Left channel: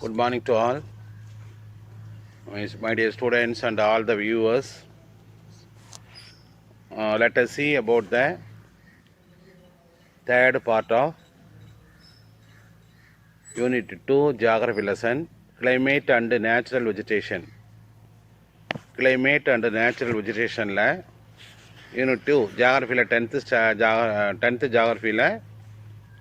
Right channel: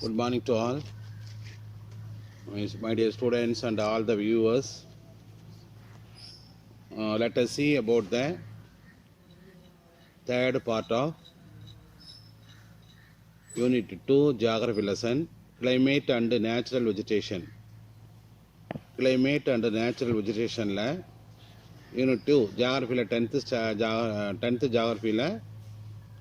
Good morning to all, my dear students and all the viewers. Let us see about the third part of Unit 2 Geography lesson, Climate and Natural Vegetation. Climate and Natural Vegetation la Unit 2 Geography la 10th Geography la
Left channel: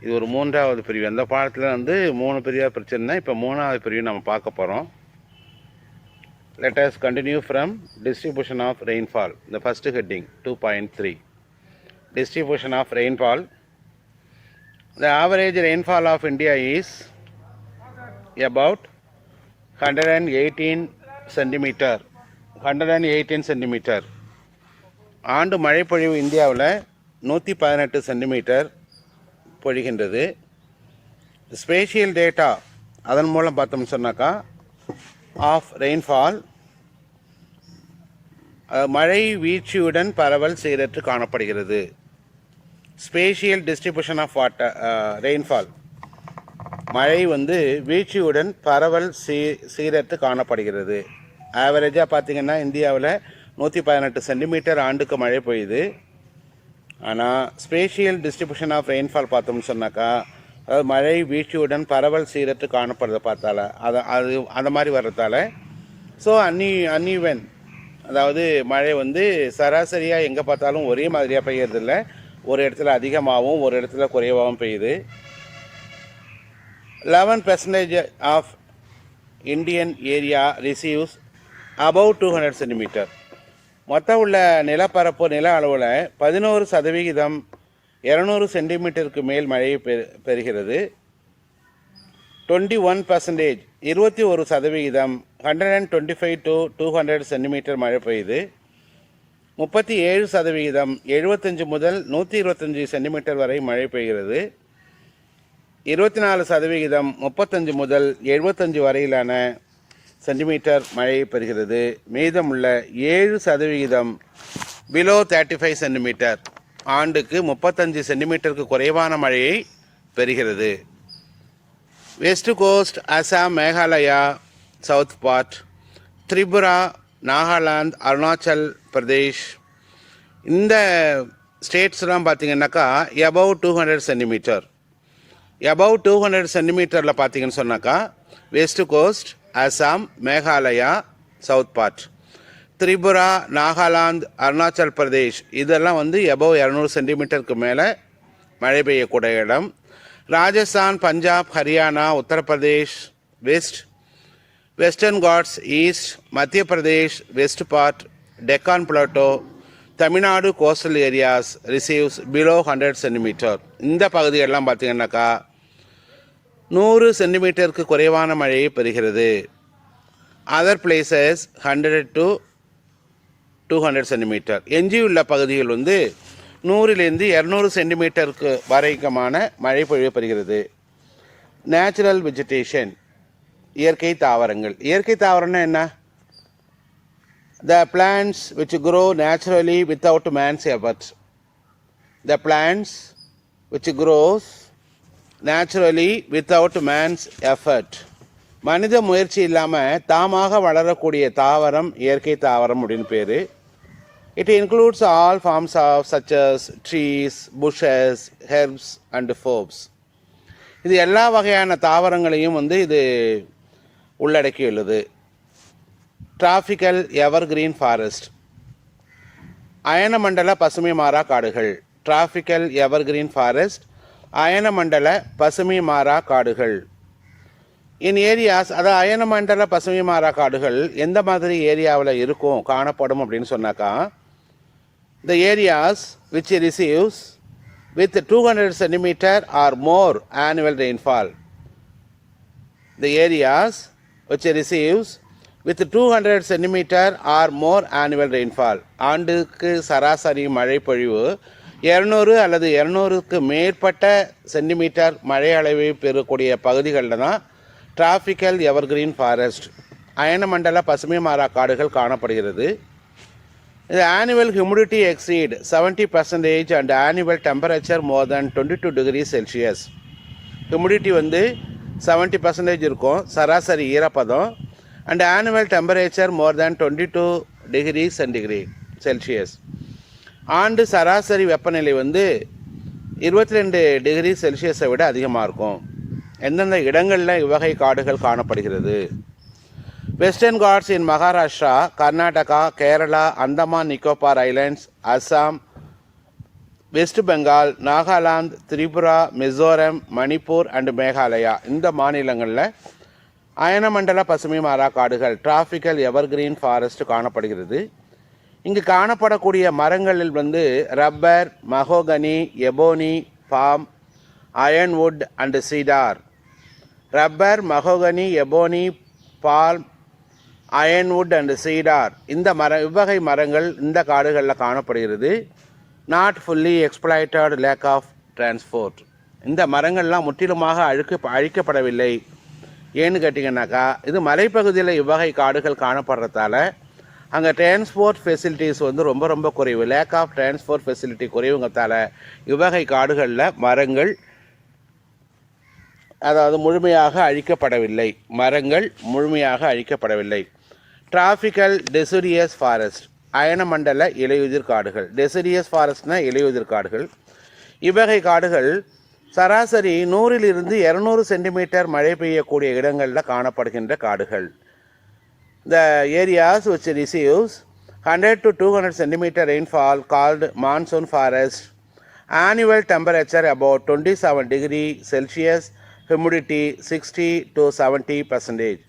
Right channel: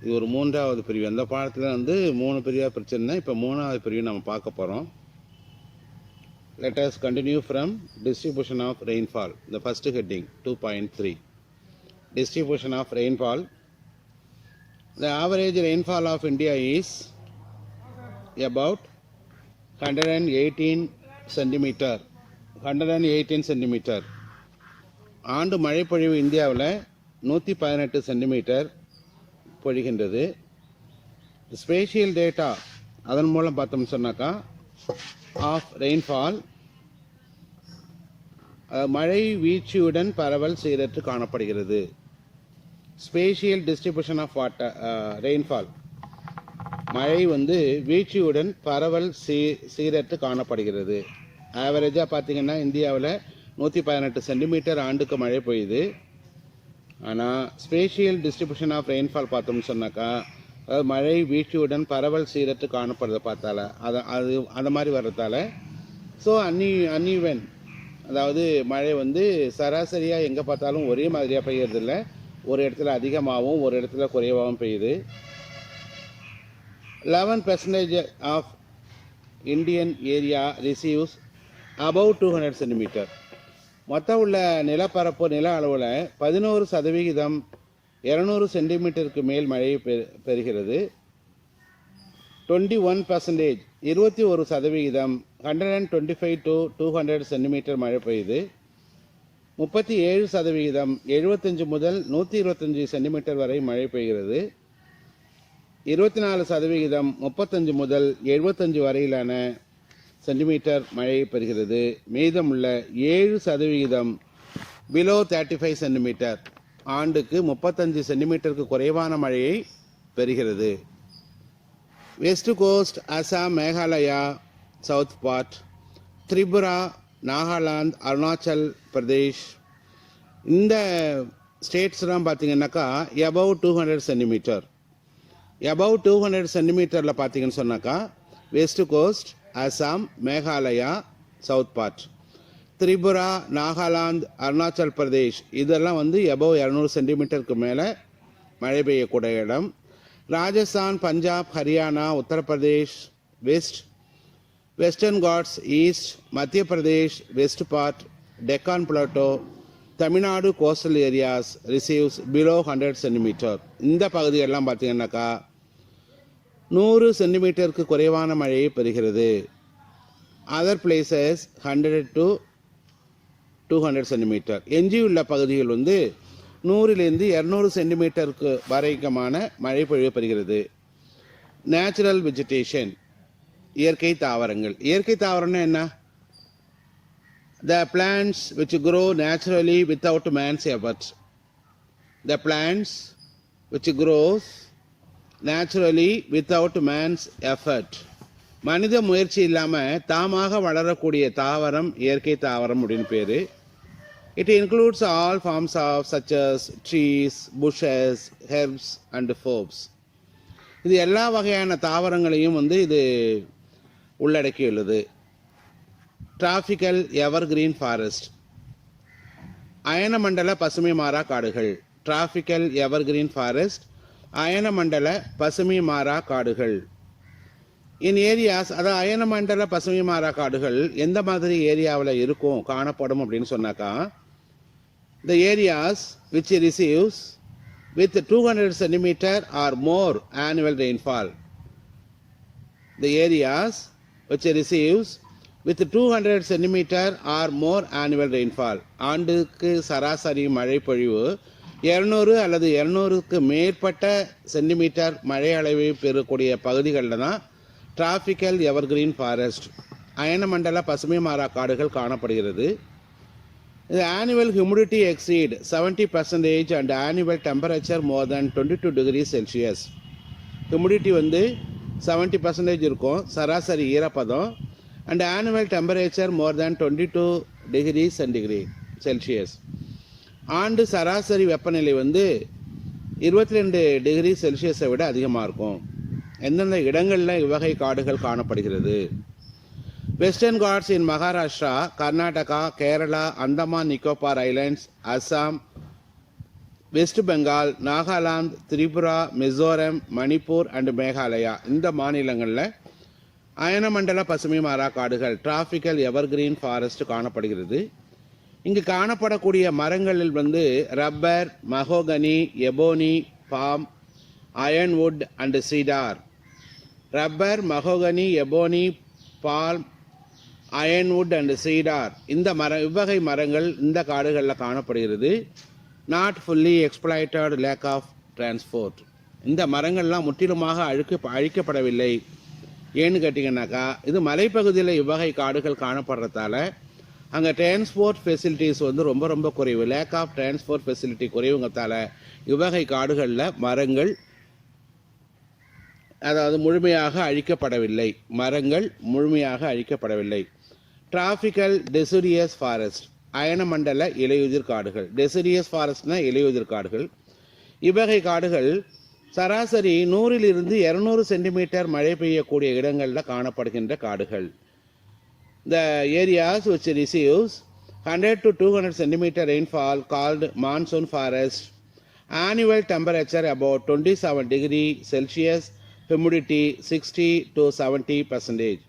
இது ஒரு மூன்றாவது பிரிவு. அந்த பாடத்தில் வந்து 3 பிரிவாக பிரச்சனை. இப்போ 3வது பிரிவு நம்ம பார்க்க போகிறோம். Let us continue from distribution of rainfall. The first heading 2.3 distribution of rainfall. The average rainfall of India is about 118 centimeter. 118 centimeter. ஆண்டு மழைப்பொழிவு இந்தியாவில் 118 சென்டிமீட்டர் பொழிகின்றது. ஸ்பேஷியல் டேட்டா அதன் மூலம் பார்த்தோம்னு சொன்னாக்கா ஆஃப் ரெயின்ஃபால் மழை வீழ்ச்சியுடன் பரவல் சீரற்று காணப்படுகிறது. Spatial distribution of water rainfall மழை வந்து வீழ்ச்சியுடன் பரவல் சீரற்று காணப்படுகிறது. ஆவரேஜாக பார்த்திங்கன்னா இந்தியாவில் 118 சென்டிமீட்டர் ஆண்டுக்கு மழை பெய்யுது. ஆனால் ஸ்பேஷியல் டிஸ்ட்ரிபியூஷன் ஆஃப் ரெயின்ஃபால் பார்த்தோம்னு சொன்னாக்கா அதாவது மழை வீழ்ச்சியுடன் பரவல் சீரற்று காணப்படுறத பார்த்தால அந்த மாதிரி வர்றதால ஸோ அன்ஈவன், அதாவது மழை வந்து சராசரியாக எங்கே பார்த்தாலும் ஒரே மாதிரியாக பெய்யறதில்ல. ஒரு இடத்துல அதிகமாகவும் ஒரு இடத்துல குறைவாகவும் பெய்யுது. 11% of Indian area receives above 200 centimetre. மொத்தம் உள்ள நிலப்பரப்பு நில அளவில் 11% 200 சென்டிமீட்டருக்கு மேல் மழையை பெறுகிறது. 21% 21% 125 to 200 சென்டிமீட்டர் மழை பெய்யுது. 37% 75 முதல் 125 சென்டிமீட்டர் வரை மழை பெய்கிறது. 24% 35 முதல் 75 வரையிலான சென்டிமீட்டர் மழையை பெறுகிறது. மீதமுள்ள 7% பிலோ 35 சென்டிமீட்டர் ஆண்டுக்கு 35 சென்டிமீட்டருக்கு குறைவான மழையை பெறுகிறது. West coast, Assam, Meghalaya, south part, Tripura, Nagaland, Arunachal Pradesh இந்த ஸ்டேட்ஸ்லாம் பார்த்திங்கன்னாக்கா எபவ் 200 சென்டிமீட்டர். எபவ் 200 சென்டிமீட்டரில் பார்த்திங்கன்னு சொன்னாக்கா west coast, Assam, Meghalaya, south part, Tripura, Nagaland, Arunachal Pradesh இதெல்லாம் வந்து எபவ் 200 சென்டிமீட்டருக்கு மேலே மழை பெய்யக்கூடிய இடம். Rajasthan, Punjab, Haryana, Uttar Pradesh western Ghats east, Madhya Pradesh west part, Deccan plateau, Tamil Nadu coastal areas receives below 100 centimetre. இந்த பகுதிகளெலாம் பார்த்திங்கன்னாக்கா 100 சென்டிமீட்டருக்கு குறைவான மழையை பெறுகிறது. Other places 100 to 200 centimetre. எஞ்சியுள்ள பகுதிகள் வந்து 100லேருந்து 200 சென்டிமீட்டருக்கு வரைக்குமான மழை பொழிவு பெறுகிறது. நேச்சுரல் வெஜிடேஷன் இயற்கை தாவரங்கள். இயற்கை தாவரம்னா என்ன? The plants which grow naturally without man's effort. The plants which grows naturally without man's effort. மனித முயற்சி இல்லாமல் தாமாக வளரக்கூடிய தாவரம் இயற்கை தாவரம் அப்படின்னு பேர். It includes all forms of such as trees, bushes, herbs and forbs. இது எல்லா வகையான தாவரங்களையும் வந்து இது உள்ளடக்கியுள்ளது. டிராபிக்கல் எவர்கிரீன் ஃபாரஸ்ட் அயனமண்டல பசுமை மாறா காடுகள். டிராபிக்கல் எவர்கிரீன் ஃபாரஸ்ட் அயனமண்டல பசுமை மாறா காடுகள். இன் ஏரியாஸ், அதாவது அயனமண்டல பசுமை மாறா காடுகள் எந்த மாதிரி ஏரியாவில் இருக்கும் காணப்படும் அப்படின்னு சொன்னாக்கா the areas which receives with 200 centimeter or more annual rainfall. The areas which receives with 200 centimeter or more annual rainfall. ஆண்டுக்கு சராசரி மழை பொழிவு 200 அல்லது 200க்கு மேற்பட்ட சென்டிமீட்டர் மழை அளவை பெறக்கூடிய பகுதிகளில் தான் டிராபிக்கல் எவர்கிரீன் ஃபாரஸ்ட் அயனமண்டல பசுமை மாறா காடுகள் காணப்படுகிறது. The annual humidity exceed 70% and annual temperature more than 22 degrees Celsius. Humidity வந்து 70% இருக்கும் சராசரி ஈரப்பதம். And annual temperature more than 22 degree Celsius. ஆண்டு சராசரி வெப்பநிலை வந்து 22 டிகிரி செல்சியஸை விட அதிகமாக இருக்கும். எந்தெந்த இடங்களில் இவ்வகை காடுகள் காணப்படுகிறது? Western Ghats in Maharashtra, Karnataka, Kerala, Andaman Nicobar islands, Assam, west Bengal, Nagaland, Tripura, Mizoram, Manipur and Meghalaya இந்த மாநிலங்களில் அயனமண்டல பசுமை மாறா காடுகள் டிராபிக்கல் எவர்கிரீன் ஃபாரஸ்ட் காணப்படுகிறது. இங்கு காணப்படக்கூடிய மரங்களில் வந்து rubber, mahogany, ebony, palm, ironwood and cedar. Rubber, mahogany, ebony, palm, ironwood and cedar இந்த இவ்வகை மரங்கள் இந்த காடுகளில் காணப்படுகிறது. Not fully exploited lack of transport. இந்த மரங்கள்லாம் முற்றிலுமாக அழிக்கப்படவில்லை. ஏன்னு கேட்டிங்கன்னாக்கா இது மலைப்பகுதியில் இவ்வகை காடுகள் காணப்படுறதால அங்கே டிரான்ஸ்போர்ட் ஃபெசிலிட்டிஸ் வந்து ரொம்ப ரொம்ப குறைவு. லேக் ஆஃப் டிரான்ஸ்போர்ட் ஃபெசிலிட்டி குறைவுங்கிறதால இவ்வகை காடுகளில் மரங்கள் அதாவது முழுமையாக அழிக்கப்படவில்லை. மரங்கள் முழுமையாக அழிக்கப்படவில்லை. டிராபிக்கல் டெசிடியஸ் ஃபாரஸ்ட் அயனமண்டல இலையுதிர் காடுகள். டெசிடியஸ் ஃபாரஸ்ட்னா இலையுதிர் காடுகள். இவ்வகை காடுகள் சராசரி 100 to 200 சென்டிமீட்டர் மழை பெய்யக்கூடிய இடங்களில் காணப்படுகின்ற காடுகள். The areas which receives 100 to 200 centimeter rainfall called monsoon forest. Annual temperature about 27 degree Celsius. Humidity 60 to 70%.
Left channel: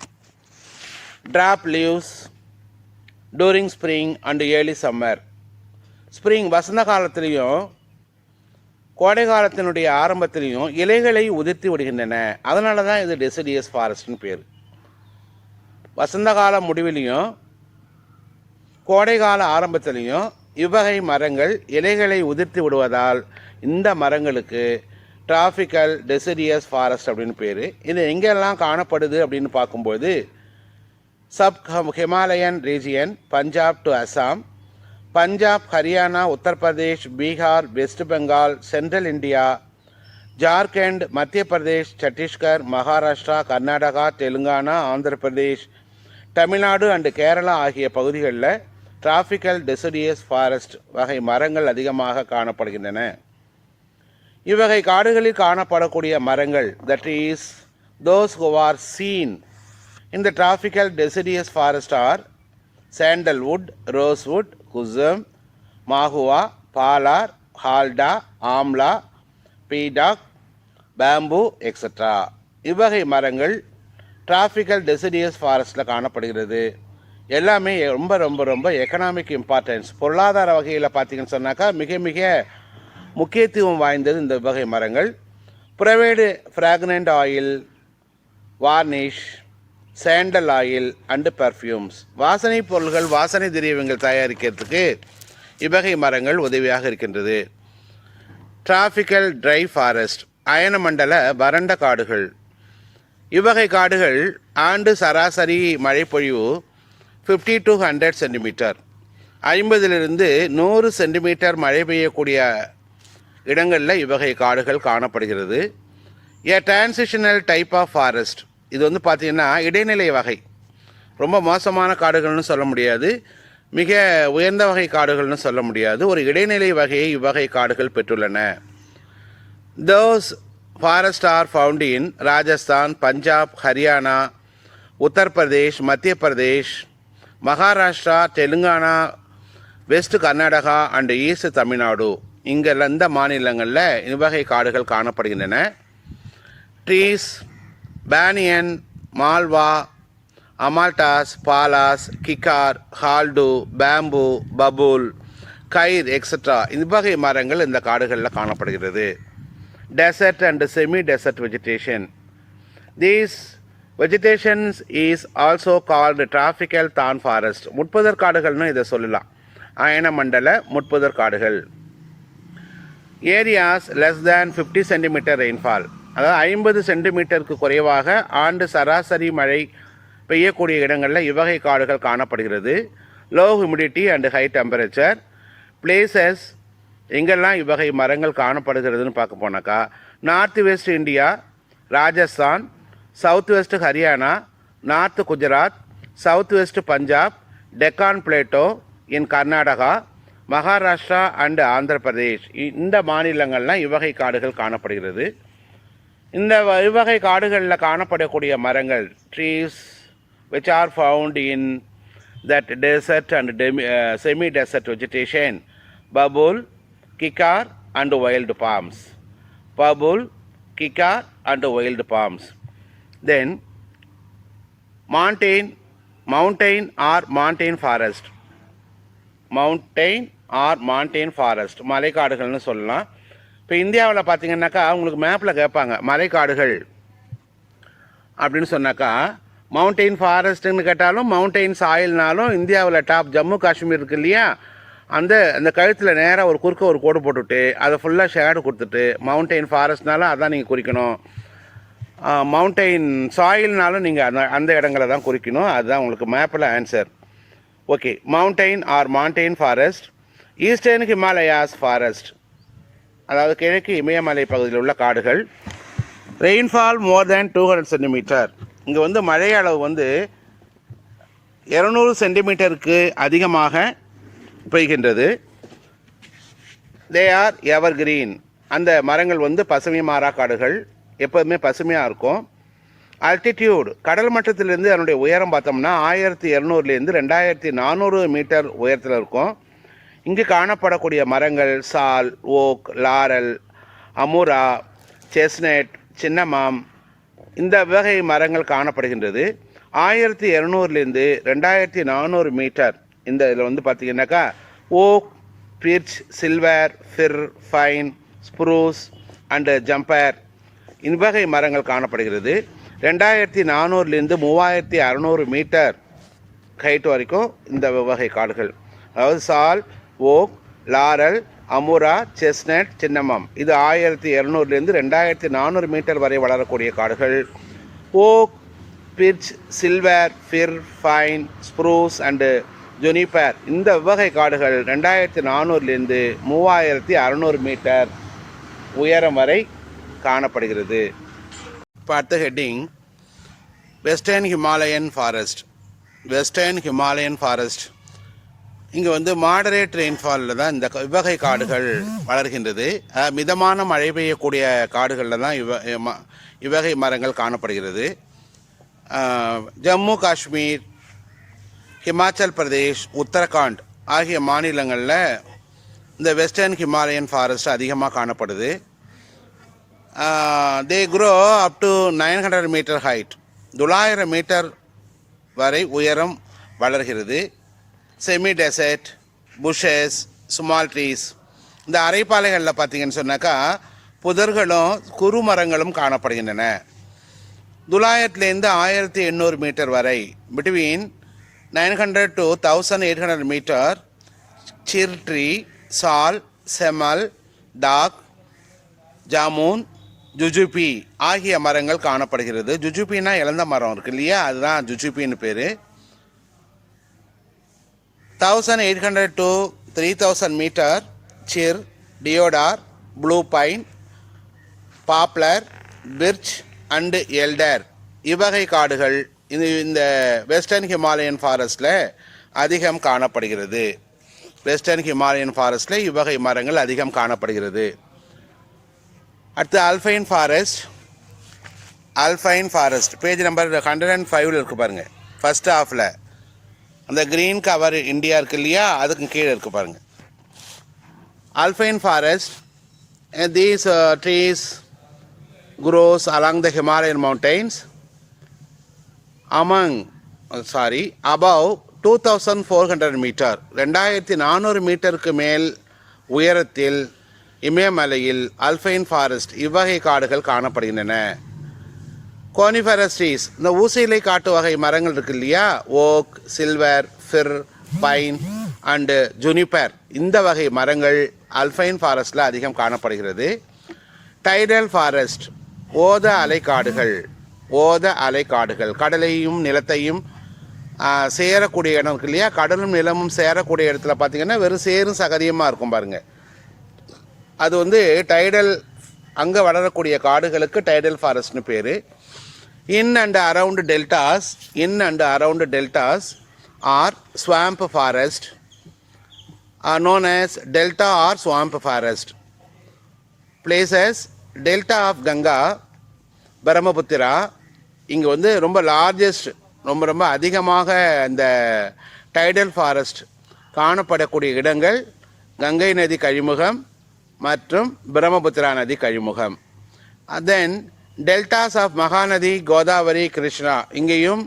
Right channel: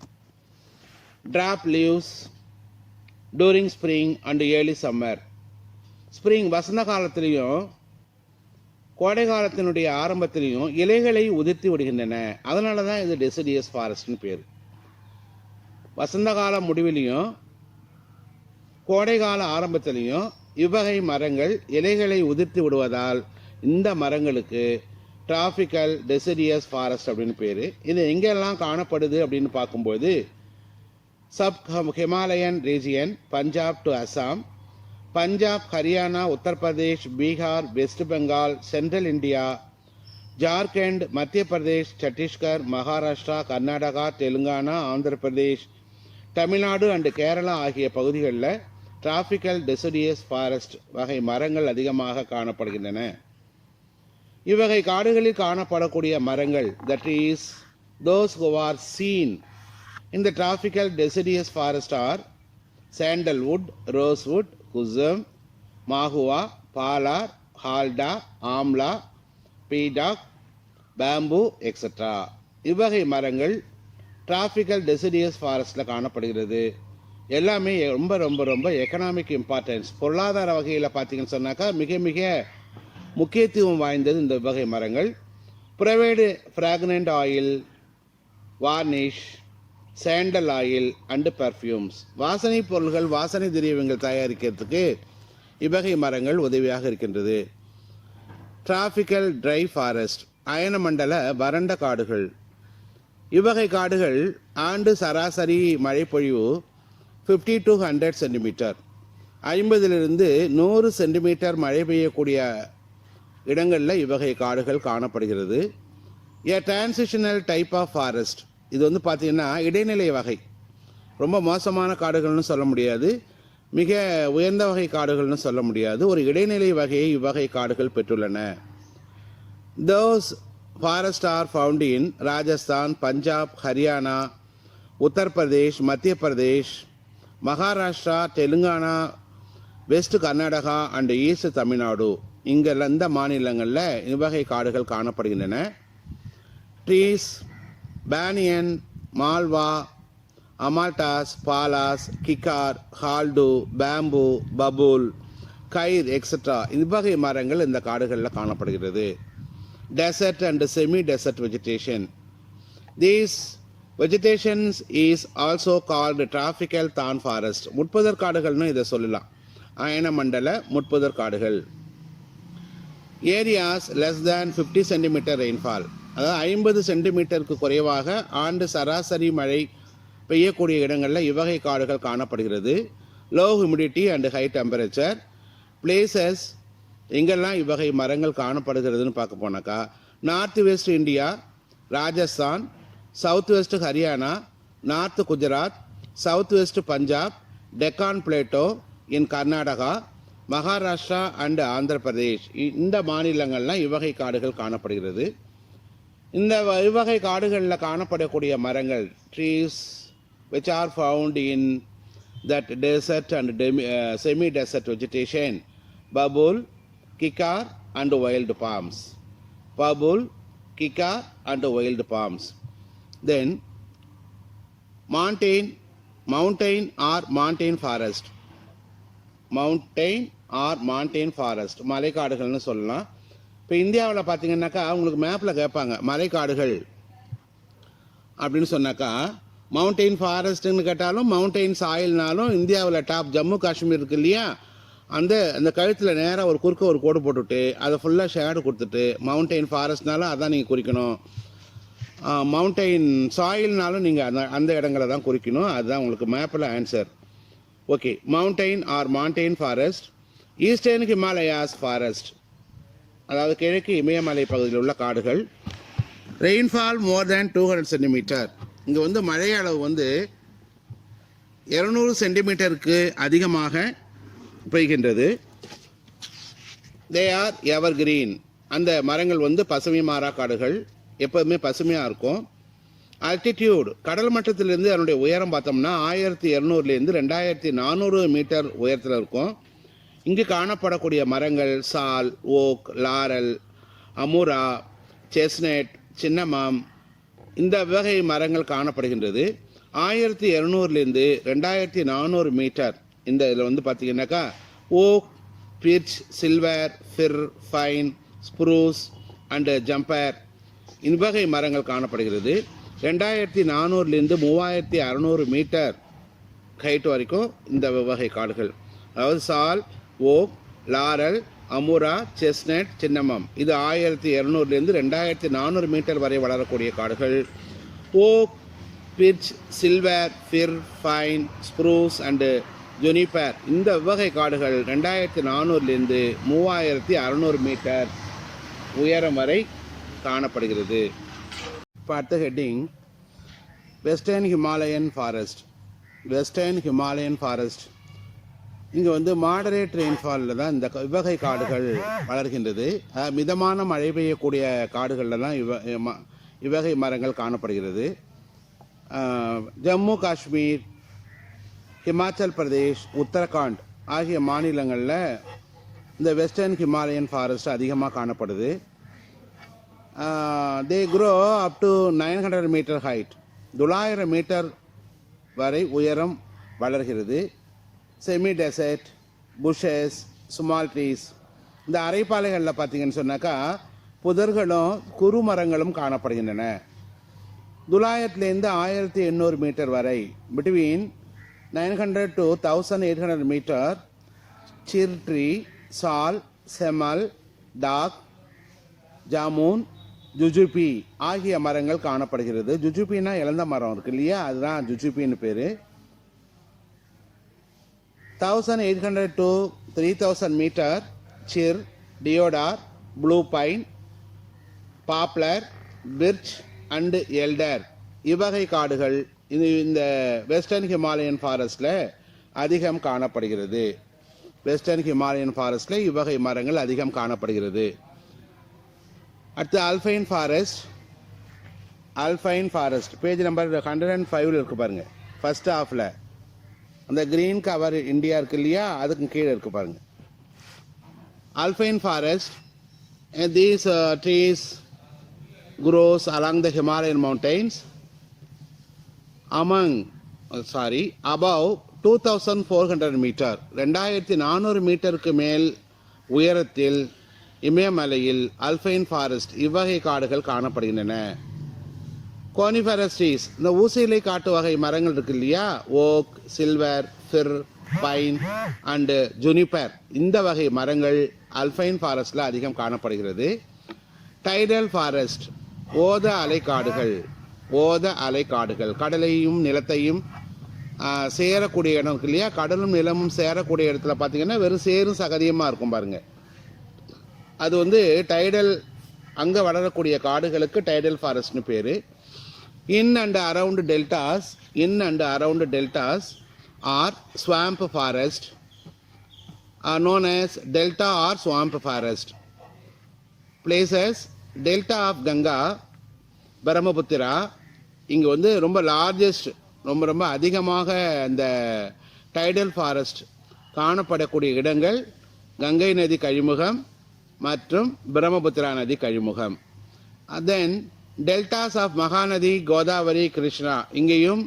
Drop leaves during spring and early summer. Spring வசந்த காலத்திலையும் கோடை காலத்தினுடைய ஆரம்பத்திலையும் இலைகளை உதிர்த்தி விடுகின்றன. அதனால தான் இது டெசிடியஸ் ஃபாரஸ்ட்னு பேர். வசந்த கால முடிவிலையும் கோடை கால ஆரம்பத்திலையும் இவ்வகை மரங்கள் இலைகளை உதிர்த்தி விடுவதால் இந்த மரங்களுக்கு டிராபிக்கல் டெசிடியஸ் ஃபாரஸ்ட் அப்படின்னு பேர். இது எங்கெல்லாம் காணப்படுது அப்படின்னு பார்க்கும்போது sub Himalayan region, Punjab to Assam, Punjab, Haryana, Uttar Pradesh, Bihar, west Bengal, central India, Jharkhand, மத்திய பிரதேஷ், சத்தீஸ்கர், மகாராஷ்டிரா, கர்நாடகா, தெலுங்கானா, ஆந்திர பிரதேஷ், தமிழ்நாடு அண்டு கேரளா ஆகிய பகுதிகளில் டிராபிக்கல் டெசிடியஸ் ஃபாரஸ்ட் வகை மரங்கள் அதிகமாக காணப்படுகின்றன. இவ்வகை காடுகளில் காணப்படக்கூடிய மரங்கள் that is those who are seen in the tropical deciduous forest are sandalwood, rosewood, kusum, mahua, palar, halda, amla, peadock, bamboo, etc. இவ்வகை மரங்கள் டிராபிக்கல் டெசிடியஸ் ஃபாரஸ்டில் காணப்படுகிறது. எல்லாமே ரொம்ப ரொம்ப ரொம்ப எக்கனாமிக் இம்பார்ட்டன்ஸ், பொருளாதார வகையில் பார்த்தீங்கன்னு சொன்னாக்கா மிக மிக முக்கியத்துவம் வாய்ந்தது இந்த வகை மரங்கள். Provide fragrant oil, varnish, sandal oil and perfumes. வாசனை பொருள்கள், வாசனை திரவியங்கள் தயாரிக்கிறதுக்கு இவ்வகை மரங்கள் உதவியாக இருக்கின்றது. டிராபிக்கல் ட்ரை ஃபாரஸ்ட் அயனமண்டல வறண்ட காடுகள். இவ்வகை காடுகள் ஆண்டு சராசரி மழைப்பொழிவு 50 to 100 சென்டிமீட்டர், 50 to 100 சென்டிமீட்டர் மழை பெய்யக்கூடிய இடங்களில் இவ்வகை காடுகள் காணப்படுகிறது. ஏ டிரான்சிஷனல் டைப் ஆஃப் ஃபாரஸ்ட். இது வந்து பார்த்திங்கன்னா இடைநிலை வகை. ரொம்ப மோசமான காடுகள்னு சொல்ல முடியாது, மிக உயர்ந்த வகை காடுகள்னு சொல்ல முடியாது. ஒரு இடைநிலை வகையை இவ்வகை காடுகள் பெற்றுள்ளன. Those forest are found in Rajasthan, Punjab, Haryana, Uttar Pradesh, Madhya Pradesh, Maharashtra, Telangana, west Karnataka and east Tamil Nadu. இங்கெல்லாம் இந்த மாநிலங்களில் இவ்வகை காடுகள் காணப்படுகின்றன. Trees banyan, mahua, amaltas, palas, kikar, haldu, bamboo, babul, khair etcetera இவ்வகை மரங்கள் இந்த காடுகளில் காணப்படுகிறது. Desert and semi desert vegetation. These vegetations is also called tropical thorn forest. முட்புதர் காடுகள்னு இதை சொல்லலாம். அயனமண்டல முட்புதர் காடுகள். Areas less than 50 centimetre rainfall, அதாவது 50 சென்டிமீட்டருக்கு குறைவாக ஆண்டு சராசரி மழை பெய்யக்கூடிய இடங்களில் இவ்வகை காடுகள் காணப்படுகிறது. Low humidity and high temperature. Places எங்கெல்லாம் இவ்வகை மரங்கள் காணப்படுகிறதுன்னு பார்க்க போனாக்கா north west India, Rajasthan, south west Haryana, north Gujarat, south west Punjab, Deccan Plato in Karnataka, Maharashtra and Andhra Pradesh, இந்த மாநிலங்கள்லாம் இவ்வகை காடுகள் காணப்படுகிறது. இந்த இவ்வகை காடுகளில் காணப்படக்கூடிய மரங்கள் trees which are found in that desert and semi-desert vegetation, babul, kikar and wild palms. Babul, kikar and wild palms. Then mountain or mountain forest. Mountain or mountain forest, மலைக்காடுகள்னு சொல்லலாம். இப்போ இந்தியாவில் பார்த்தீங்கன்னாக்கா உங்களுக்கு மேப்பில் கேட்பாங்க மலைக்காடுகள் அப்படின்னு சொன்னாக்கா மவுண்டெயின் ஃபாரஸ்ட்டுன்னு கேட்டாலும் மவுண்டெயின் சாயில்னாலும் இந்தியாவில் டாப் ஜம்மு காஷ்மீர் இருக்கு இல்லையா, அந்த கழுத்தில் நேராக ஒரு குறுக்க ஒரு கோடு போட்டுவிட்டு அதை ஃபுல்லாக ஷேடு கொடுத்துட்டு மவுண்டெயின் ஃபாரஸ்ட்னாலும் அதான் நீங்கள் குறிக்கணும். மவுண்டெயின் சாயில்னாலும் நீங்கள் அந்த இடங்களை தான் குறிக்கணும். அதுதான் உங்களுக்கு மேப்பில் answer. Okay, mountain or mountain forest. Eastern Himalayas forest, அதாவது கிழக்கு இமயமலை பகுதியில் உள்ள காடுகள். Rainfall more than 200 centimetre. இங்கே வந்து மழை அளவு வந்து 200 சென்டிமீட்டருக்கு அதிகமாக பெய்கின்றது. They are ever green. அந்த மரங்கள் வந்து பசுமை மாறா காடுகள், எப்போதுமே பசுமையாக இருக்கும். அல்டிடியூட், கடல் மட்டத்திலிருந்து அதனுடைய உயரம் பார்த்தோம்னா 1200லேருந்து 2400 மீட்டர் உயரத்தில் இருக்கும். இங்கு காணப்படக்கூடிய மரங்கள் சால், ஓக், லாரல், அமுரா, செஸ்னட், சின்னமாம், இந்த வகை மரங்கள் காணப்படுகின்றது. 1200லேருந்து 2400 மீட்டர் இந்த இதில் வந்து பார்த்திங்கனாக்கா oak, birch, silver, fir, pine, spruce and juniper இவ்வகை மரங்கள் காணப்படுகிறது. 2400லேருந்து 3600 மீட்டர் ஹைட் வரைக்கும் இந்த வகை காடுகள், அதாவது sal, oak, laurel, amura, chestnut, cinnamon, இது 1200லேருந்து 2400 மீட்டர் வரை வளரக்கூடிய காடுகள். Oak, birch, silver, fir, pine, spruce and juniper இந்த வகை காடுகள் 2400லேருந்து 3600 மீட்டர் உயரம் வரை காணப்படுகிறது. இப்போ அடுத்த heading western Himalayan forest. Western Himalayan forest இங்கே வந்து மாடரேட் ரெயின்ஃபாலில் தான் இந்த இவ்வகை காடுகள் வளர்கின்றது. மிதமான மழை பெய்யக்கூடிய காடுகளில் தான் இவ்வகை மரங்கள் காணப்படுகிறது. ஜம்மு காஷ்மீர், ஹிமாச்சல் பிரதேஷ், உத்தரகாண்ட் ஆகிய மாநிலங்களில் இந்த வெஸ்டர்ன் ஹிமாலயன் ஃபாரஸ்ட் அதிகமாக காணப்படுது. They grow up to 900 metre height, 900 metre வரை உயரம் வளர்கிறது. Semi desert, bushes, small trees, இந்த அரைப்பாலைகளில் பார்த்தீங்கன்னு சொன்னாக்கா புதர்களும் குறு மரங்களும் காணப்படுகின்றன. 900லேருந்து 1800 மீட்டர் வரை, between 900 to 1800 metre, chir tree, sal, semal, talk, jamun, ஜுஜுபி ஆகிய மரங்கள் காணப்படுகிறது. ஜுஜுபின்னா இழந்த மரம் இருக்கு இல்லையா, அதுதான் ஜுஜுபின்னு பேர். 1800 to 3000 metre, chir, deodar, blue pine, poplar, birch and alder இவ்வகை காடுகள் இந்த வெஸ்டர்ன் ஹிமாலயன் ஃபாரஸ்டில் அதிகம் காணப்படுகிறது. வெஸ்டர்ன் ஹிமாலயன் ஃபாரஸ்டில் இவ்வகை மரங்கள் அதிகம் காணப்படுகிறது. அடுத்து alpine forest. Alpine forest page number 105 இருக்குது பாருங்கள். ஃபர்ஸ்ட் ஹாஃபில் அந்த க்ரீன் கவர் இந்தியா இருக்குது இல்லையா, அதுக்கு கீழே இருக்குது பாருங்கள். Alpine forest, these trees grows along the Himalayan mountains above 2400 metre, 2400 மீட்டருக்கு மேல் உயரத்தில் இமயமலையில் அல்பைன் ஃபாரஸ்ட் இவ்வகை காடுகள் காணப்படுகின்றன. கோனிஃபரஸ் ட்ரீஸ், இந்த ஊசியிலை காட்டு வகை மரங்கள் இருக்கு இல்லையா, oak, silver, fir, pine and juniper இந்த வகை மரங்கள் அல்பைன் ஃபாரஸ்டில் அதிகம் காணப்படுகிறது. டைடல் ஃபாரஸ்ட், ஓத அலைக்காடுகள். ஓத அலைக்காடுகள் கடலையும் நிலத்தையும் சேரக்கூடிய இடம் இருக்கு இல்லையா, கடலும் நிலமும் சேரக்கூடிய இடத்துல பார்த்தீங்கன்னா வெறும் சேரும் சகதியமாக இருக்கும் பாருங்கள். அது டைடல், அங்கே வளரக்கூடிய காடுகளுக்கு டைடல் ஃபாரஸ்ட்னு பேர். In and around deltas are swamp forest are known as delta or swamp forest. Places delta of Ganga, Brahmaputra, இங்கே வந்து ரொம்ப லார்ஜஸ்ட் ரொம்ப அதிகமாக இந்த டைடல் ஃபாரஸ்ட் காணப்படக்கூடிய இடங்கள் கங்கை நதி கழிமுகம் மற்றும் பிரம்மபுத்திரா நதி கழிமுகம். தென் டெல்டாஸ் ஆஃப் மகாநதி, கோதாவரி, கிருஷ்ணா இங்கேயும்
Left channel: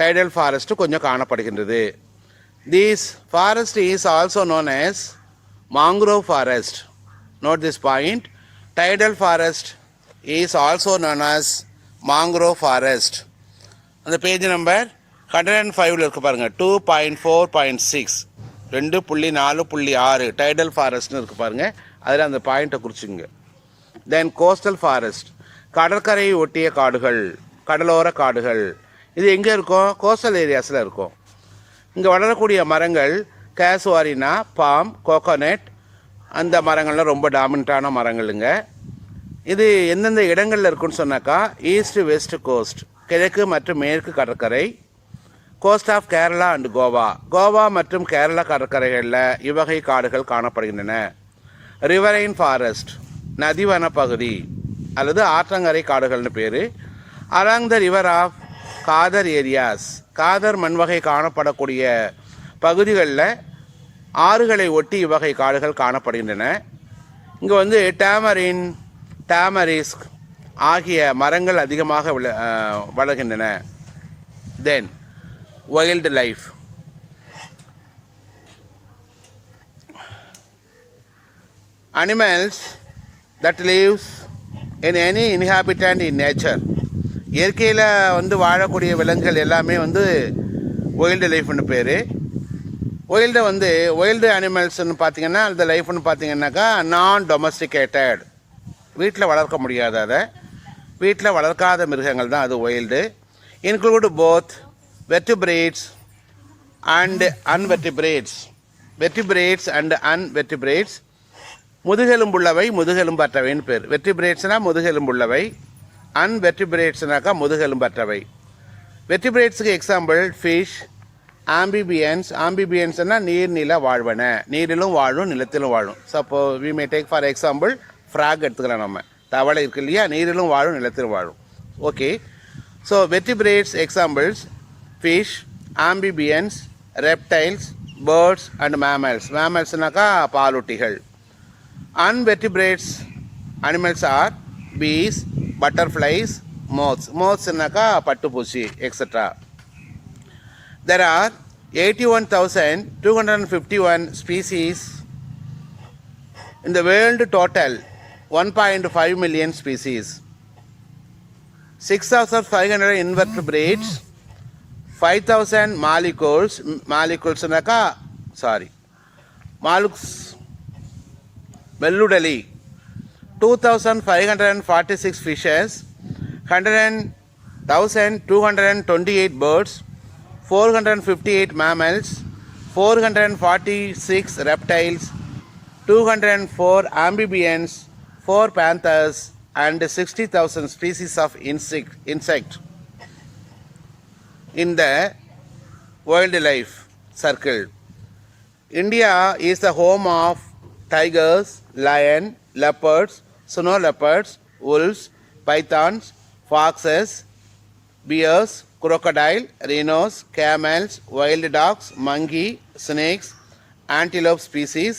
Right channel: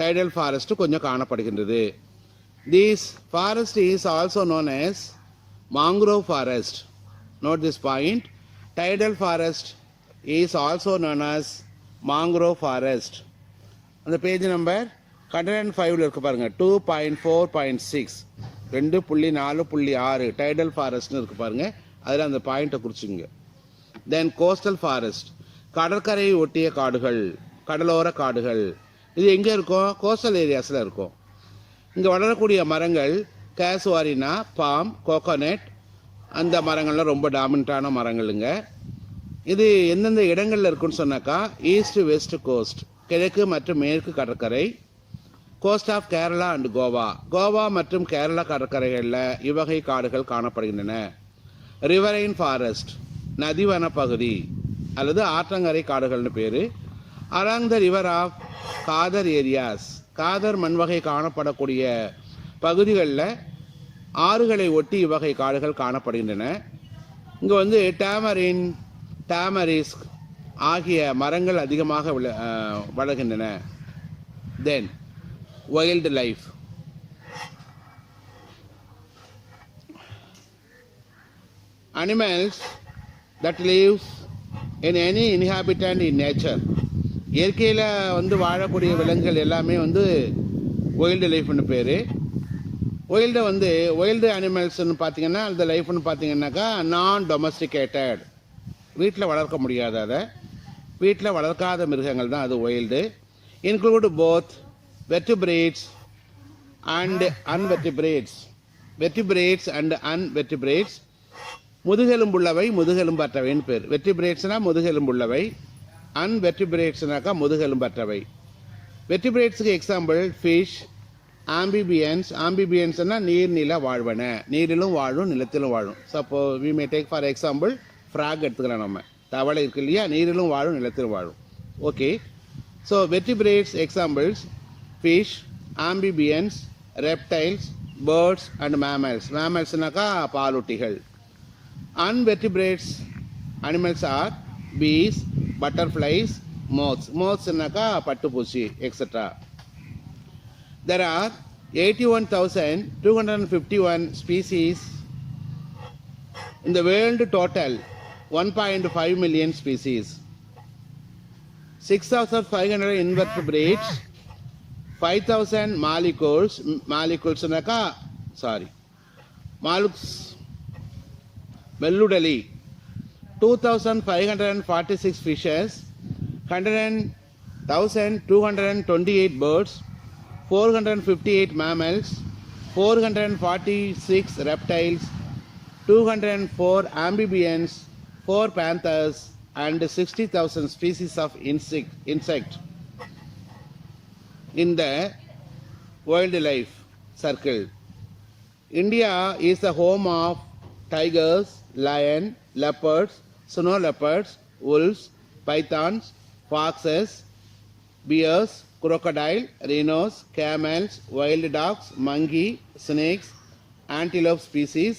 டைடல் ஃபாரஸ்ட் கொஞ்சம் காணப்படுகின்றது. This forest is also known as mangrove forest. Note this point. Tidal forest is also known as mangrove forest. அந்த பேஜ் நம்பர் 105 இருக்கு பாருங்க, 2.4.6 2.4.6 டைடல் ஃபாரஸ்ட்னு இருக்கு பாருங்க, அதில் அந்த பாயிண்ட்டை குறிச்சுங்க. தென் கோஸ்டல் ஃபாரஸ்ட், கடற்கரையை ஒட்டிய காடுகள், கடலோர காடுகள். இது எங்கே இருக்கும்? கோஸ்டல் ஏரியாஸில் இருக்கும். இங்கே வளரக்கூடிய மரங்கள் கேசுவாரினா, பாம், கோகோனட், அந்த மரங்கள்லாம் ரொம்ப டாமினண்ட்டான மரங்களுங்க. இது எந்தெந்த இடங்களில் இருக்குன்னு சொன்னாக்கா, ஈஸ்ட் வெஸ்ட் கோஸ்ட், கிழக்கு மற்றும் மேற்கு கடற்கரை, coast of Kerala and Goa, Goa மற்றும் கேரளா கடற்கரைகளில் இவ்வகை காடுகள் காணப்படுகின்றன. ரிவரைன் ஃபாரஸ்ட், நதிவன பகுதி அல்லது ஆற்றங்கரை காடுகள்னு பேர். Along the river of khadar areas, khadar மண்வகை காணப்படக்கூடிய பகுதிகளில் ஆறுகளை ஒட்டி இவ்வகை காடுகள் காணப்படுகின்றன. இங்கே வந்து டேமரின், டேமரிஸ்க் ஆகிய மரங்கள் அதிகமாக வளர்கின்றன. Then wildlife, animals that lives in any inhabitant in nature. இயற்கையில் வந்து வாழக்கூடிய விலங்குகள் எல்லாமே வந்து வைல்டு லைஃப்னு பேர். வைல்டு வந்து வைல்டு அனிமல்ஸ்ன்னு பார்த்தீங்கன்னா அந்த லைஃப்னு பார்த்தீங்கன்னாக்கா நான் டொமஸ்டிகேட்டட், வீட்டில் வளர்க்க முடியாத, வீட்டில் வளர்க்காத மிருகங்கள் தான் அது wild. Include both vertebrates and invertebrates, vertebrates and invertebrates. முதுகெலும்புள்ளவை, முதுகெலும்பற்றவைன்னு பேர். வெர்டிபிரேட்ஸ்னால் முதுகெலும்புள்ளவை, அன்வெர்டிபிரேட்ஸ்னாக்கா முதுகெலும்பற்றவை. வெர்டிபிரேட்ஸுக்கு எக்ஸாம்பிள் ஃபிஷ், ஆம்பிபியன்ஸ். ஆம்பிபியன்ஸ்னால் நீர்நில வாழ்வன, நீரிலும் வாழும் நிலத்திலும் வாழும். Suppose we may take for example frog எடுத்துக்கலாம். நம்ம தவளை இருக்கு இல்லையா, நீரிலும் வாழும் நிலத்திலும் வாழும். Okay, so vertebrates examples fish, amphibians, reptiles, birds and mammals. மேமல்ஸ்னாக்கா பாலூட்டிகள். Unvertebrates animals are bees, butterflies, moths. Mothsனாக்கா பட்டுப்பூச்சி, etc. There are 81,251 species in the world. Total 1.5 million species. 6,500 invertebrates, 5,000 molluscs. Molluscsனாக்கா molluscs வெள்ளுடலி, 2,546 fishes, 100,228 birds, 458 mammals, 446 reptiles, 204 amphibians, 4 panthers and 60,000 species of insect in the wildlife circle. India is the home of tigers, lion, leopards, snow leopards, wolves, pythons, foxes, bears, crocodile, rhinos, camels, wild dogs, monkey, snakes, antelope species,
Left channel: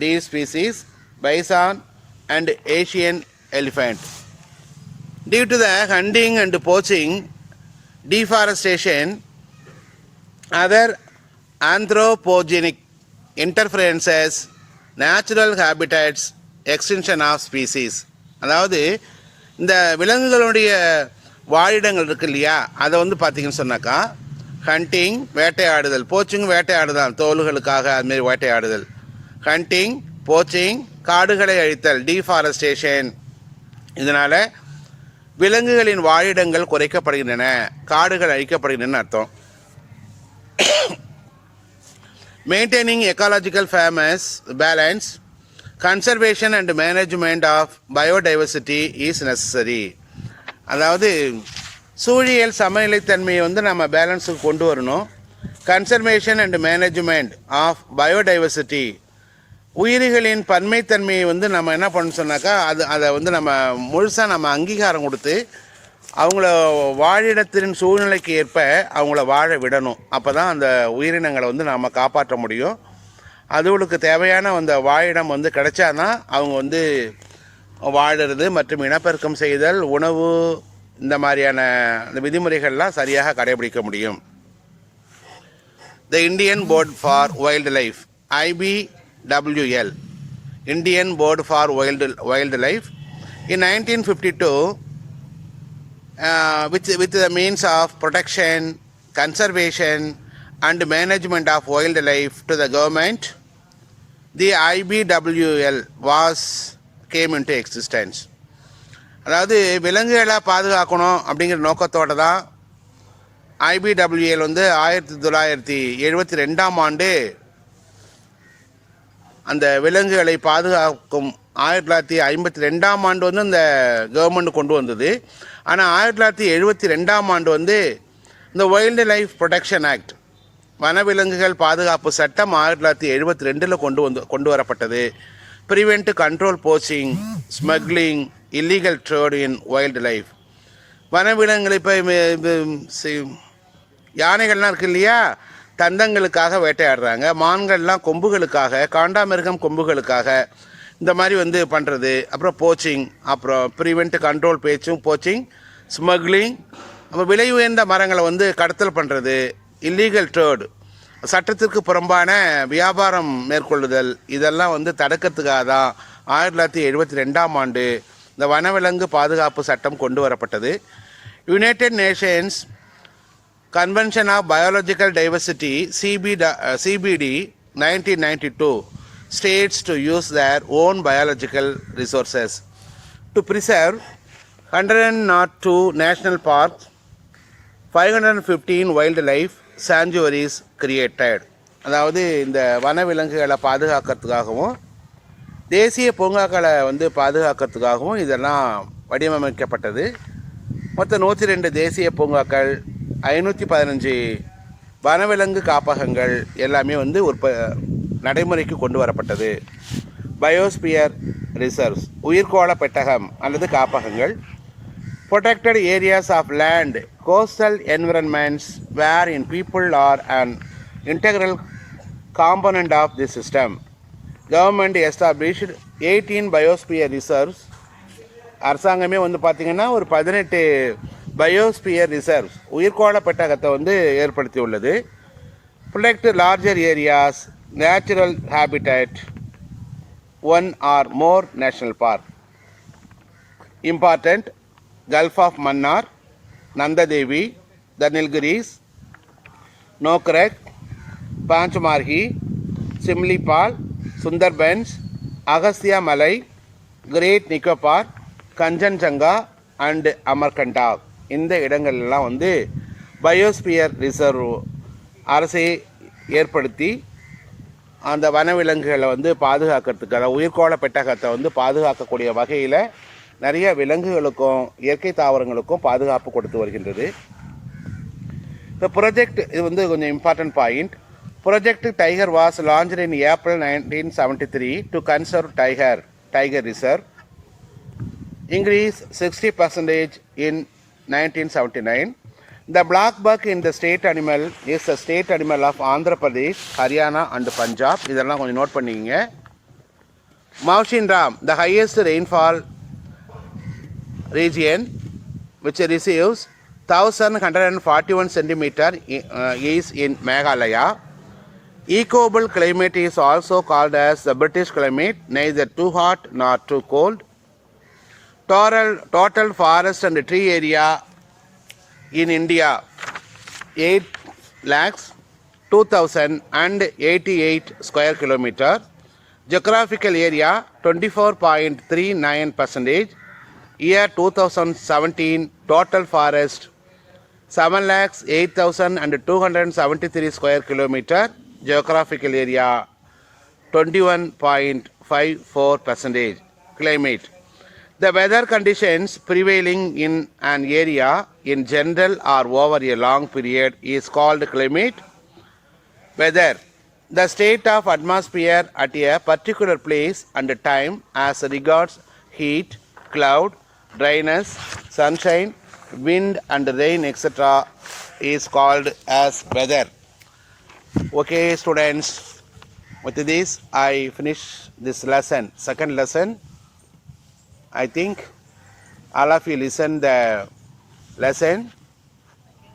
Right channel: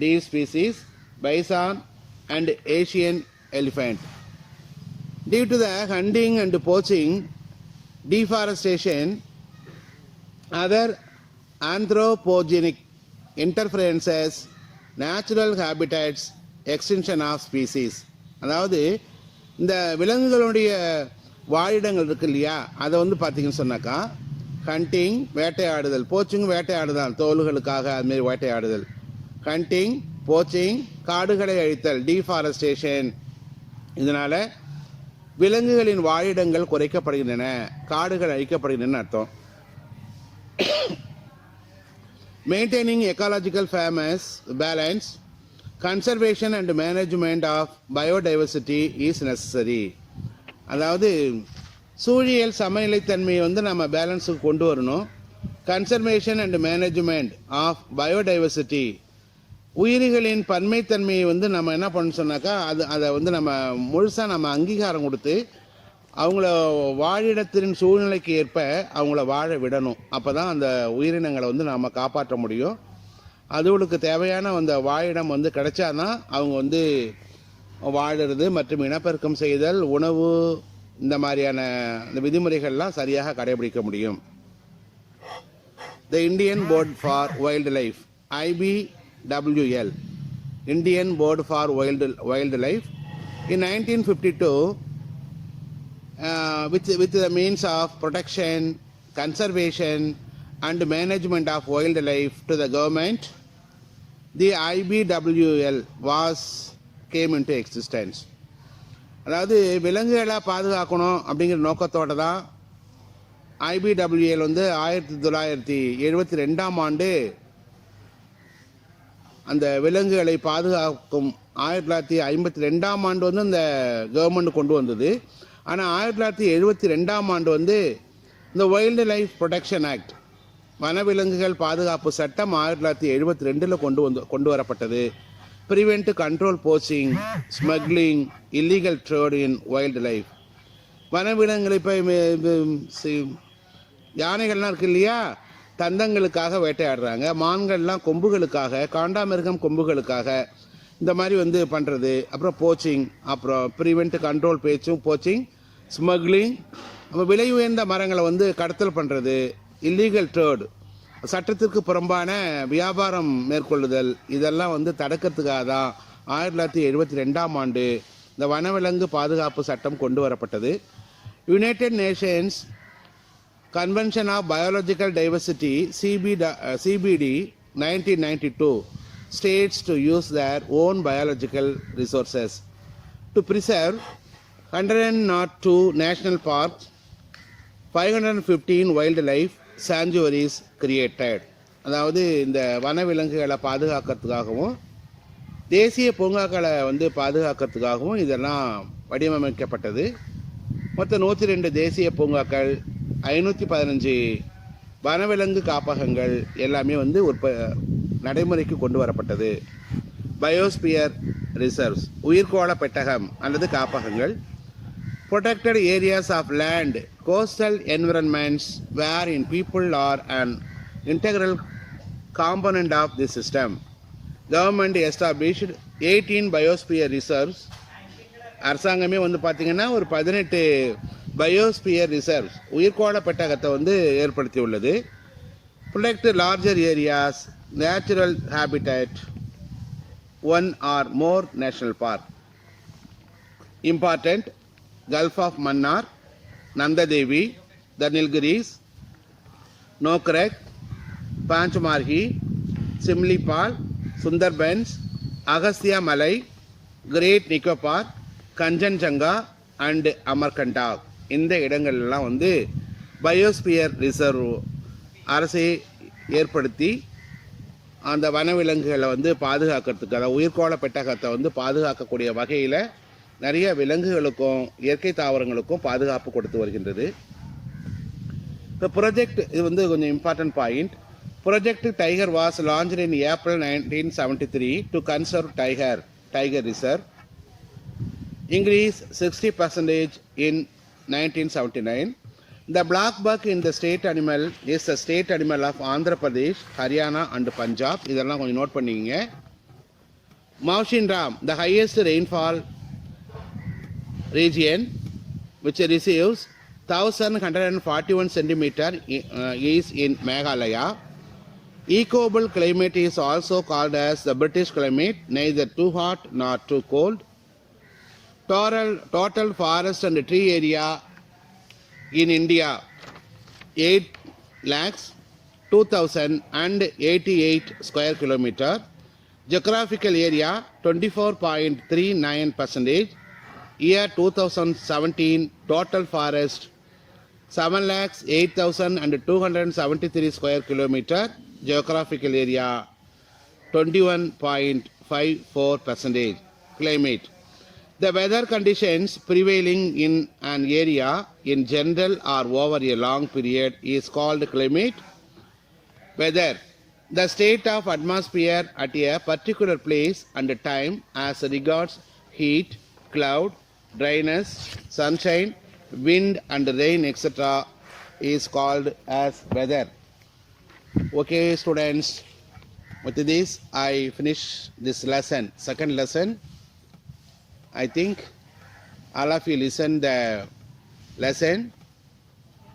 deer species, bison and Asian elephant. Due to the hunting and poaching, deforestation, other anthropogenic interferences, natural habitats, extension of species. அதாவது இந்த விலங்குகளுடைய வாழிடங்கள் இருக்கு இல்லையா, அதை வந்து பார்த்தீங்கன்னு சொன்னாக்கா hunting, வேட்டையாடுதல், poaching வேட்டையாடுதல், தோல்களுக்காக அதுமாரி வேட்டையாடுதல், hunting, poaching, காடுகளை அழித்தல், டீஃபாரஸ்டேஷன். இதனால் விலங்குகளின் வாழிடங்கள் குறைக்கப்படுகின்றன, காடுகள் அழிக்கப்படுகின்றன அர்த்தம். Maintaining ecological balance, conservation and management of biodiversity is necessary. அதாவது சூழியல் சமநிலைத்தன்மையை வந்து நம்ம பேலன்ஸுக்கு கொண்டு வரணும். Conservation and management of biodiversity, உயிரிகளின் பன்மைத்தன்மையை வந்து நம்ம என்ன பண்ண சொன்னாக்கா அதை வந்து நம்ம முழுசாக நம்ம அங்கீகாரம் கொடுத்து அவங்கள வாழிடத்தின் சூழ்நிலைக்கு ஏற்ப அவங்கள வாழ விடணும். அப்போ தான் அந்த உயிரினங்களை வந்து நம்ம காப்பாற்ற முடியும். அதுகளுக்கு தேவையான அந்த வாழிடம் வந்து கிடைச்சாதான் அவங்க வந்து வாழுறது மற்றும் இனப்பெருக்கம் செய்தல், உணவு, இந்த மாதிரியான இந்த விதிமுறைகள்லாம் சரியாக கடைபிடிக்க முடியும். The Indian Board for Wildlife, IBWL, Indian Board for Wildlife, in 1952, with the means of protection, conservation and management of wildlife to the government, the IBWL came into existence. அதாவது விலங்குகளை பாதுகாக்கணும் அப்படிங்கிற நோக்கத்தோடு தான் IBWL வந்து 1972ஆம் ஆண்டு அந்த விலங்குகளை பாதுகாக்கும் 1952ஆம் ஆண்டு வந்து இந்த கவர்மெண்ட் கொண்டு வந்தது. ஆனால் 1972ஆம் ஆண்டு வந்து இந்த வைல்டு லைஃப் ப்ரொடெக்ஷன் ஆக்ட், வனவிலங்குகள் பாதுகாப்பு சட்டம் 1972 கொண்டு வரப்பட்டது. Prevent, control poaching, smuggling, illegal trade இன் வைல்டு லைஃப். வனவிலங்குகள் இப்போ யானைகள்லாம் இருக்கு இல்லையா, தந்தங்களுக்காக வேட்டையாடுறாங்க. மான்கள்லாம் கொம்புகளுக்காக, காண்டாமிருகம் கொம்புகளுக்காக இந்த மாதிரி வந்து பண்ணுறது. அப்புறம் போச்சிங், அப்புறம் ப்ரிவென்ட், கண்ட்ரோல் போச்சிங், ஸ்மக்லிங், அப்புறம் விலை உயர்ந்த மரங்களை வந்து கடத்தல் பண்ணுறது, இல்லீகல் ட்ரேட், சட்டத்திற்கு புறம்பான வியாபாரம் மேற்கொள்ளுதல், இதெல்லாம் வந்து தடுக்கிறதுக்காக தான் 1972ஆம் ஆண்டு இந்த வனவிலங்கு பாதுகாப்பு சட்டம் கொண்டு வரப்பட்டது. United Nations Convention of Biological Diversity, CBD 1992, states to use their own biological resources to preserve 102 national parks, 515 wildlife sanctuaries created. அதாவது இந்த வனவிலங்குகளை பாதுகாக்கிறதுக்காகவும் தேசிய பூங்காக்களை வந்து பாதுகாக்கிறதுக்காகவும் இதெல்லாம் வடிவமைக்கப்பட்டது. மொத்தம் 102 தேசிய பூங்காக்கள், 515 வனவிலங்கு காப்பகங்கள் எல்லாமே வந்து நடைமுறைக்கு கொண்டு வரப்பட்டது. பயோஸ்பியர் ரிசர்வ்ஸ், உயிர்கோள பெட்டகம் அல்லது காப்பகங்கள். protected areas of land, coastal environments wherein people are an integral component of the system. Government established 18 biosphere reserves. அரசாங்கமே வந்து பார்த்திங்கன்னா ஒரு 18 பயோஸ்பியர் ரிசர்வ்ஸ், உயிர்கோள பெட்டகத்தை வந்து ஏற்படுத்தி உள்ளது. protect larger areas, natural habitat, one or more national park. Important: Gulf of Mannar, Nanda Devi, the Nilgiris, Nokrek, Panchmarhi, Simlipal, Sundarbans, Agastya Malai, Great Nicobar, Kanchenjunga and Amarkantak. இந்த இடங்கள்லாம் வந்து biosphere reserve அரசை ஏற்படுத்தி அந்த வனவிலங்குகளை வந்து பாதுகாக்கிறதுக்கு, அதாவது உயிர்கோள பெட்டகத்தை வந்து பாதுகாக்கக்கூடிய வகையில் நிறைய விலங்குகளுக்கும் இயற்கை தாவரங்களுக்கும் பாதுகாப்பு கொடுத்து வருகின்றது. இந்த ப்ராஜெக்ட் இது வந்து கொஞ்சம் important point. Project tiger was launched in April 1973 to conserve tiger reserve. Increase 60% in 1979. The black buck in the state animal is the state animal of Andhra Pradesh, Haryana and Punjab. இதெல்லாம் கொஞ்சம் note பண்ணிக்கங்க. Mawshin Ram, the highest rainfall region which receives 1141 centimeter is in Meghalaya. Equable climate is also called as the British climate, neither too hot nor too cold. Total forest and tree area in India 8,02,088 square kilometer. Geographical area 24.39%. Year 2017 total forest 7,08,273 square kilometer. Geographical area 21.54%. Climate: the weather conditions prevailing in an area in general or over a long period is called climate. Weather, the state of atmosphere at a particular place and time as regards heat, cloud, dryness, sunshine, wind and rain, etc. is called as weather. Okay, students, with this I finish this lesson, second lesson. I think all of you listen the lesson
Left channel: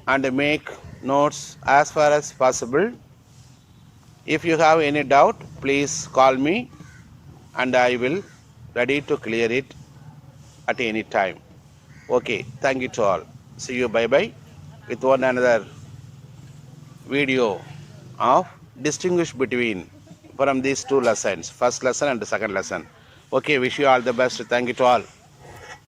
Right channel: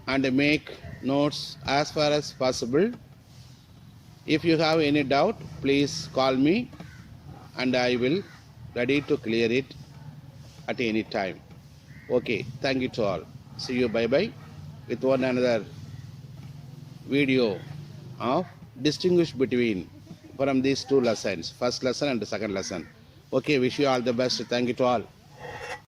and make notes as far as possible. If you have any doubt, please call me and I will ready to clear it at any time. Okay, thank you to all. See you, bye bye, with one another video of distinguish between from these two lessons, first lesson and the second lesson. Okay, wish you all the best. Thank you to all.